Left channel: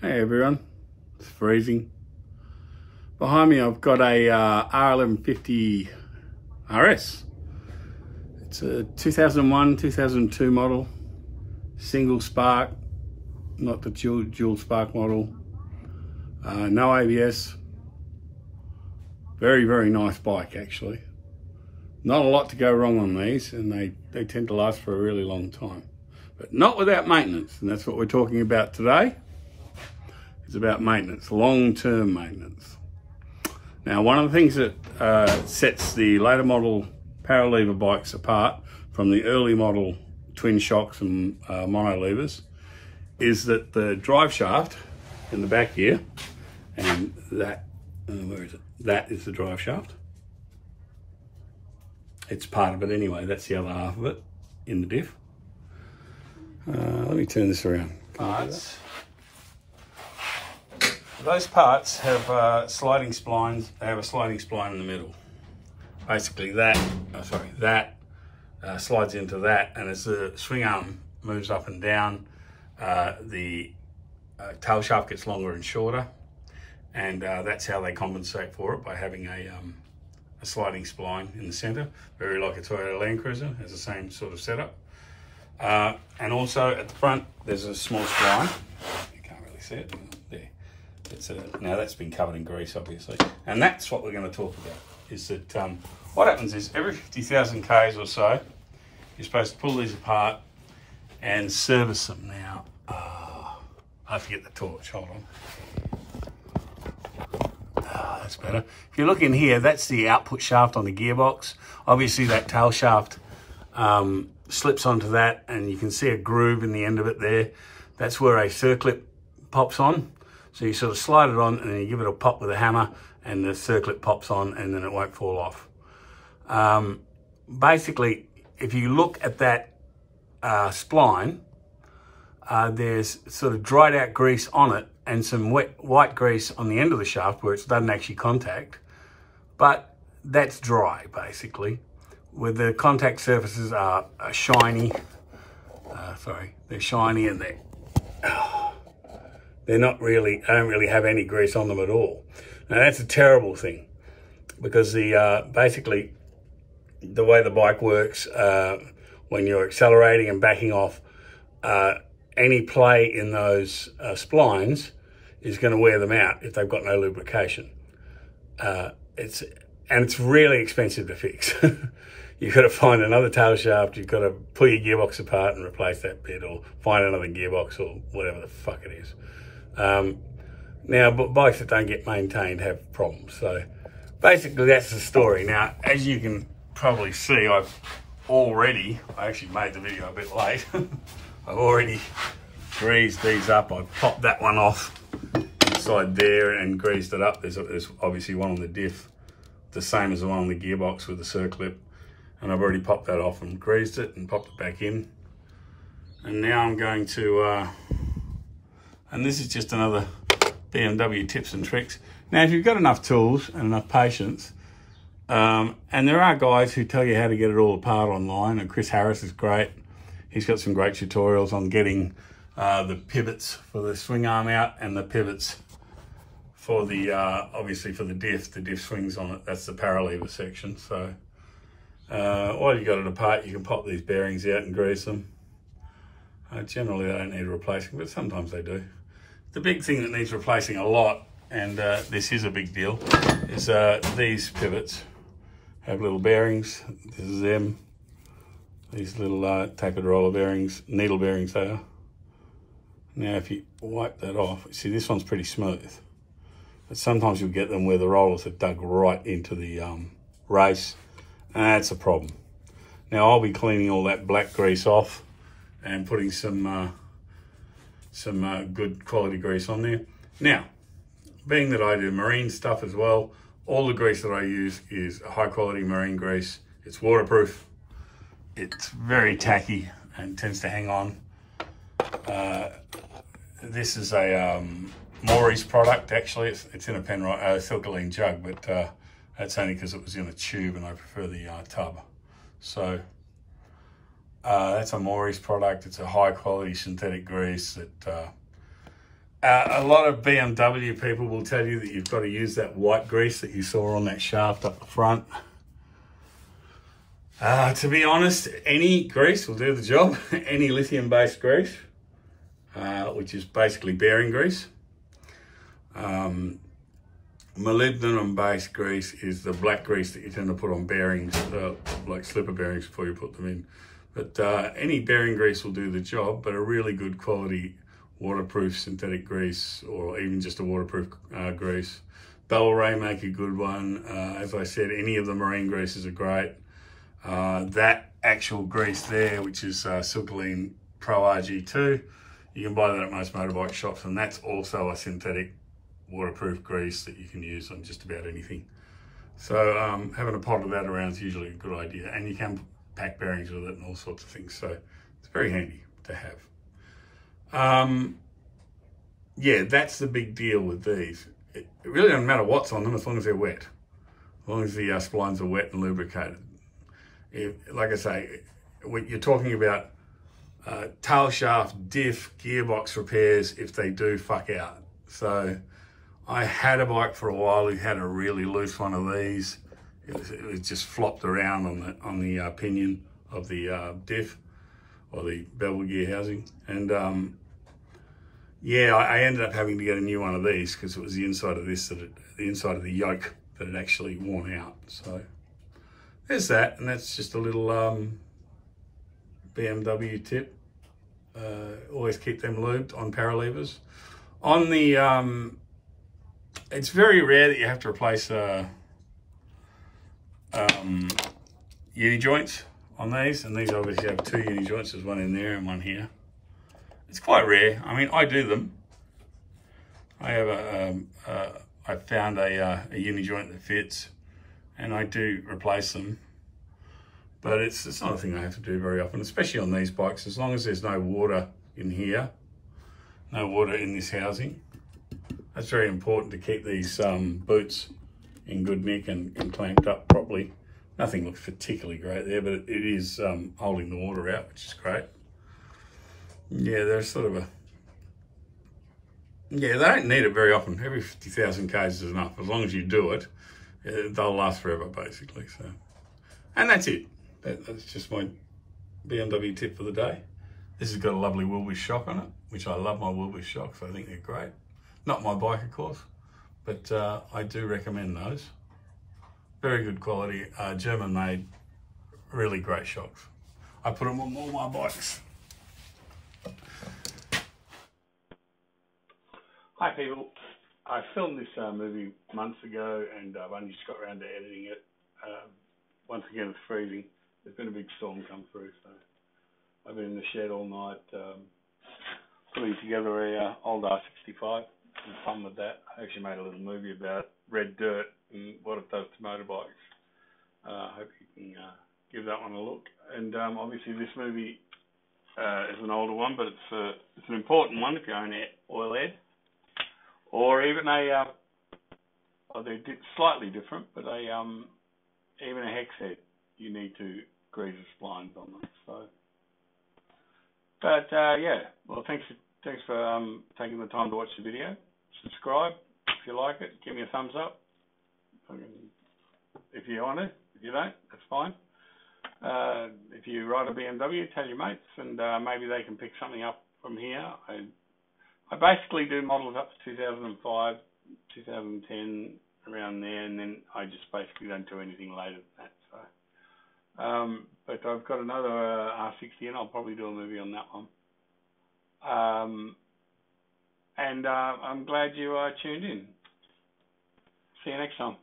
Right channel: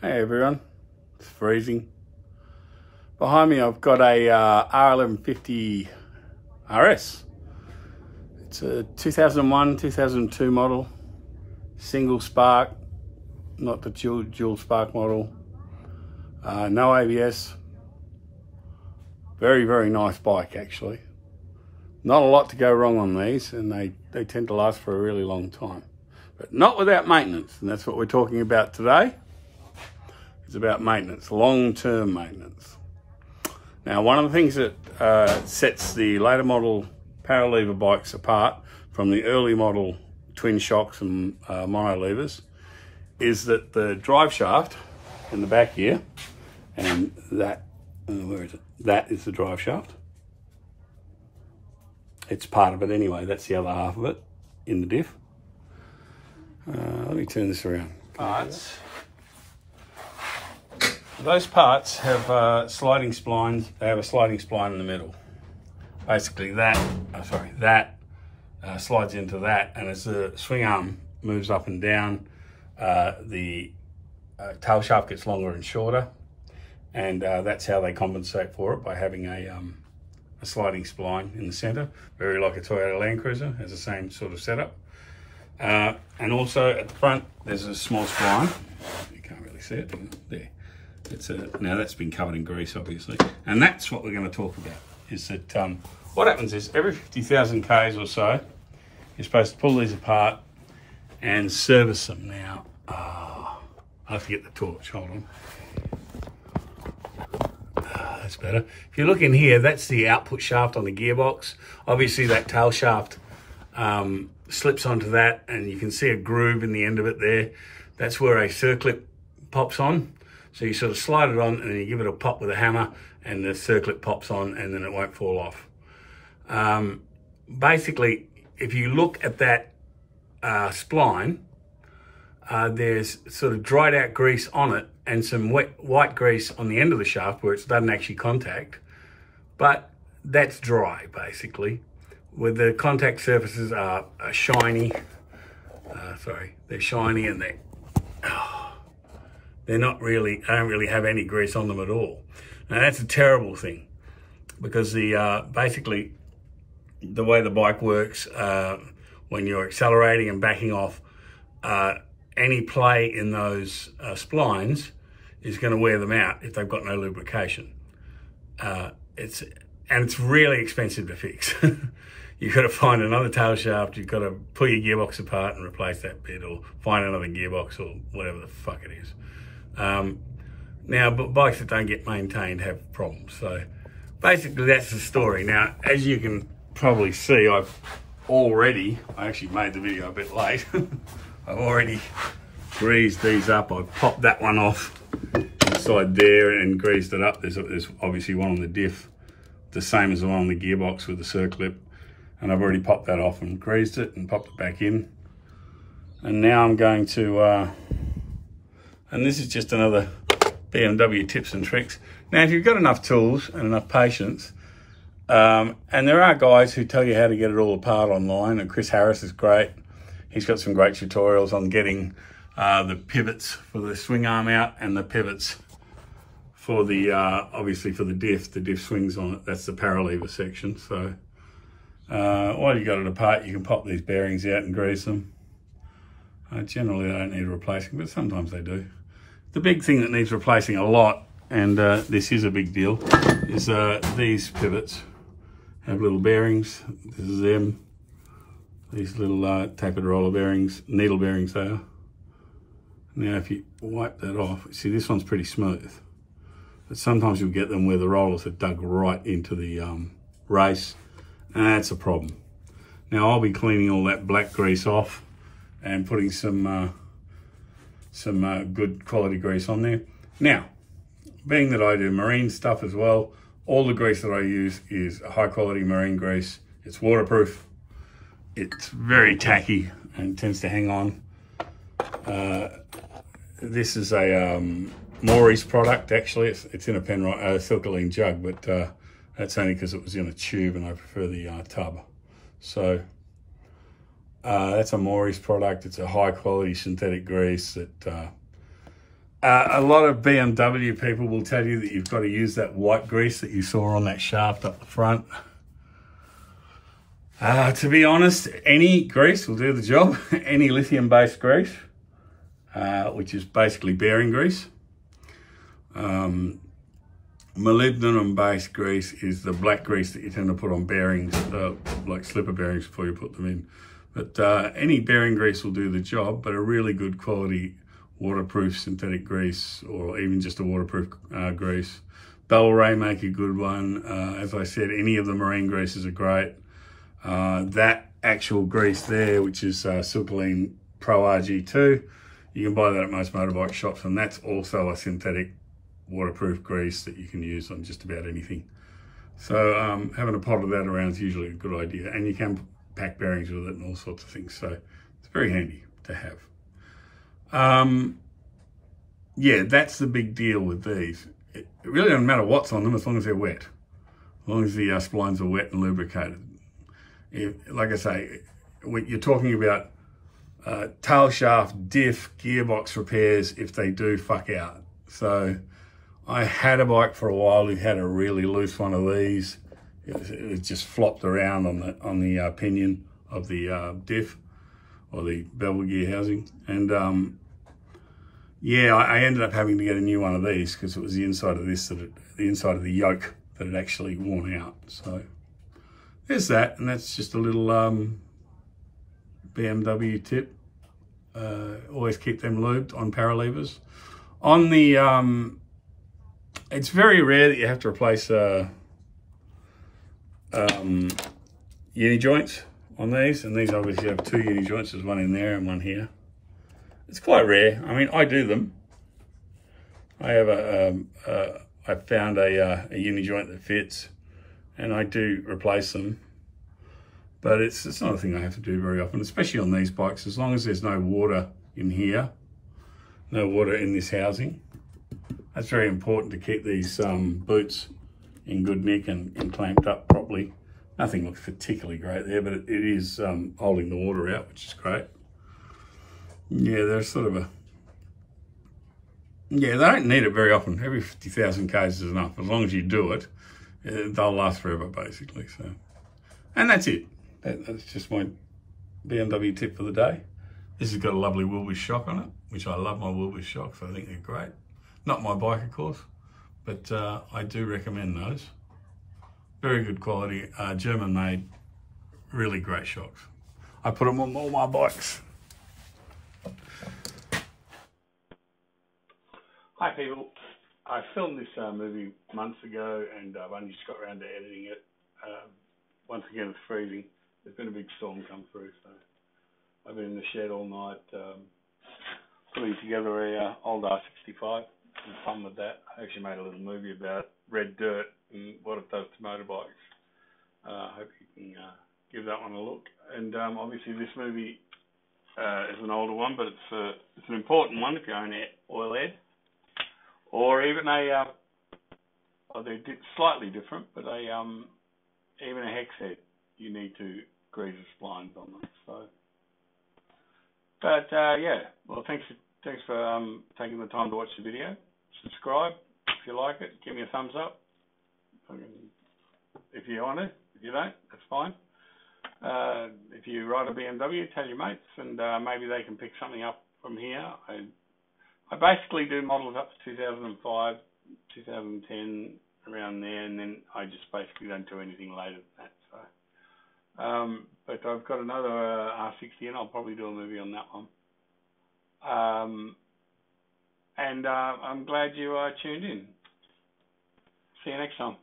Hey everyone, it's freezing. Behind me I've got a R1150 RS. It's a 2001, 2002 model, single spark, not the dual spark model. No ABS. Very, very nice bike actually. Not a lot to go wrong on these, and they tend to last for a really long time. But not without maintenance, and that's what we're talking about today. It's about maintenance, long-term maintenance. Now, one of the things that sets the later model power lever bikes apart from the early model twin shocks and mono levers is that the drive shaft in the back here, and that, where is it? That is the drive shaft. It's part of it anyway, that's the other half of it in the diff. Let me turn this around. Parts. Those parts have sliding splines. They have a sliding spline in the middle. Basically that slides into that, and as the swing arm moves up and down, the tail shaft gets longer and shorter, and that's how they compensate for it, by having a sliding spline in the center, very like a Toyota Land Cruiser, has the same sort of setup. And also at the front, there's a small spline. You can't really see it, there. Now that's been covered in grease, obviously. And that's what we're going to talk about, is that what happens is every 50,000 Ks or so, you're supposed to pull these apart and service them. Now, I have to get the torch, hold on. That's better. If you look in here, that's the output shaft on the gearbox. Obviously that tail shaft slips onto that, and you can see a groove in the end of it there. That's where a circlip pops on. So you sort of slide it on and then you give it a pop with a hammer, and the circlip pops on, and then it won't fall off. Basically, if you look at that spline, there's sort of dried out grease on it and some wet white grease on the end of the shaft where it doesn't actually contact, but that's dry basically. Where the contact surfaces are shiny, they're shiny, and they don't really have any grease on them at all. Now that's a terrible thing, because basically the way the bike works, when you're accelerating and backing off, any play in those splines is going to wear them out if they've got no lubrication. It's really expensive to fix. You've got to find another tail shaft, you've got to pull your gearbox apart and replace that bit, or find another gearbox, or whatever the fuck it is. Now, but bikes that don't get maintained have problems. So basically that's the story. Now, as you can probably see, I actually made the video a bit late. I've already greased these up. I've popped that one off inside there and greased it up. There's obviously one on the diff, the same as the one on the gearbox with the circlip. And I've already popped that off and greased it and popped it back in. And now I'm going to, and this is just another BMW tips and tricks. Now, if you've got enough tools and enough patience, and there are guys who tell you how to get it all apart online, and Chris Harris is great. He's got some great tutorials on getting the pivots for the swing arm out, and the pivots for the, obviously for the diff swings on it. That's the power lever section. So while you got it apart, you can pop these bearings out and grease them. Generally, they don't need replacing, but sometimes they do. The big thing that needs replacing a lot, and this is a big deal, is these pivots have little bearings. This is them. These little tapered roller bearings, needle bearings they are. Now, if you wipe that off, see this one's pretty smooth. But sometimes you'll get them where the rollers are dug right into the race, and that's a problem. Now, I'll be cleaning all that black grease off and putting some good quality grease on there. Now, being that I do marine stuff as well, all the grease that I use is high quality marine grease. It's waterproof, it's very tacky and tends to hang on. This is a Maurice product actually. It's in a Silkaline jug, but that's only because it was in a tube and I prefer the tub. So that's a Maurice product. It's a high quality synthetic grease that A lot of BMW people will tell you that you've got to use that white grease that you saw on that shaft up the front. To be honest, any grease will do the job. Any lithium-based grease, which is basically bearing grease. Molybdenum-based grease is the black grease that you tend to put on bearings, like slipper bearings before you put them in. But any bearing grease will do the job, but a really good quality waterproof synthetic grease, or even just a waterproof grease. Bel-Ray make a good one. As I said, any of the marine greases are great. That actual grease there, which is Silcoline Pro RG2, you can buy that at most motorbike shops, and that's also a synthetic waterproof grease that you can use on just about anything. So having a pot of that around is usually a good idea, and you can pack bearings with it and all sorts of things, so it's very handy to have. Yeah, that's the big deal with these. It really doesn't matter what's on them as long as they're wet, as long as the splines are wet and lubricated. Like I say, you're talking about tail shaft, diff, gearbox repairs if they do fuck out. So I had a bike for a while who had a really loose one of these. It was just flopped around on the pinion of the diff, or the bevel gear housing. And yeah, I ended up having to get a new one of these because it was the inside of this, the inside of the yoke that had actually worn out. So there's that, and that's just a little BMW tip. Always keep them lubed on power levers. On the, it's very rare that you have to replace uni joints on these, and these obviously have two uni joints. There's one in there and one here. It's quite rare. I mean, I do them. I have I found a uni joint that fits, and I do replace them. But it's not a thing I have to do very often, especially on these bikes. As long as there's no water in here, no water in this housing. That's very important to keep these boots in good nick and clamped up properly. Nothing looks particularly great there, but it is holding the water out, which is great. Yeah, they're sort of yeah, they don't need it very often. Every 50,000 k's is enough. As long as you do it, they'll last forever, basically. So, and that's it. That's just my BMW tip for the day. This has got a lovely Wilbur shock on it, which I love my Wilbur shocks. I think they're great. Not my bike, of course, but I do recommend those. Very good quality, German made, really great shocks. I put them on all my bikes. Hi people, I filmed this movie months ago, and I've only just got around to editing it. Once again, it's freezing. There's been a big storm come through, so I've been in the shed all night putting together a old R65. Some fun with that. I actually made a little movie about red dirt and what it does to motorbikes. I hope you can give that one a look. And obviously this movie is an older one, but it's an important one if you own Oilhead, or even a they're slightly different, but even a Hexhead, you need to grease the splines on them. So, but yeah, well, thanks for taking the time to watch the video. Subscribe if you like it. Give me a thumbs up if you want to. If you don't, that's fine. If you ride a BMW, tell your mates, and maybe they can pick something up from here. I basically do models up to 2005, 2010, around there, and then I just basically don't do anything later than that. So, but I've got another R60, and I'll probably do a movie on that one. And I'm glad you tuned in. See you next time.